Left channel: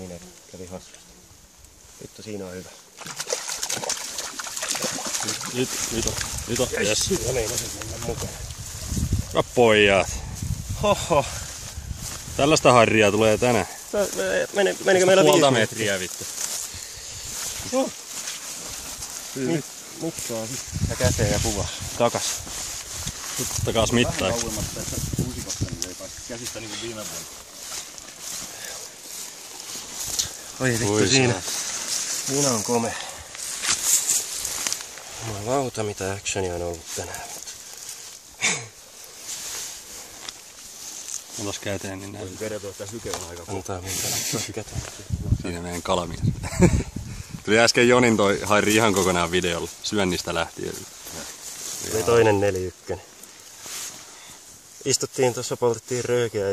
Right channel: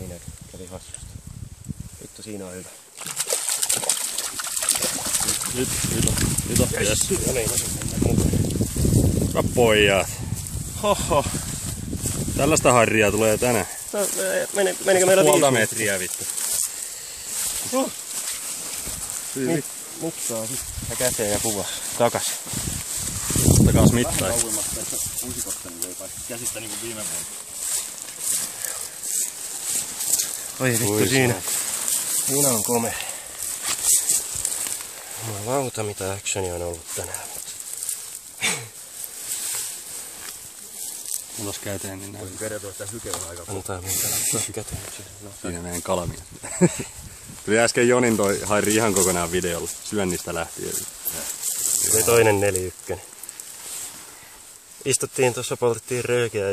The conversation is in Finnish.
Siinäkin kävi hassusti. Vittu, siinä on hyvä. Nyt on. Yes. Ja meinasin mennä mukaan. Pojat. Hoho. Tällaista harria tulee tänään. Menikö meillä puolta metriä vittu. Nyt saa ja käteen ja kuvaa. Takas. Takas mittaan. Käsistä niinku viime vuonna. Oi vittu, siinä on komea. Jumalauta, mitä actionia on ollut tänään. Mulla olisi käteen, niin näin. Vedetään sitä hykeä aika. Antaa minkä ottaa käteen. Siinä meidän kalamies. Tuli äsken Jonin toi hairi ihan kokonaan videolla. Syönnistä lähtien. Oli toinen 4-1. Istuttiin tuossa, poltettiin röökiä ja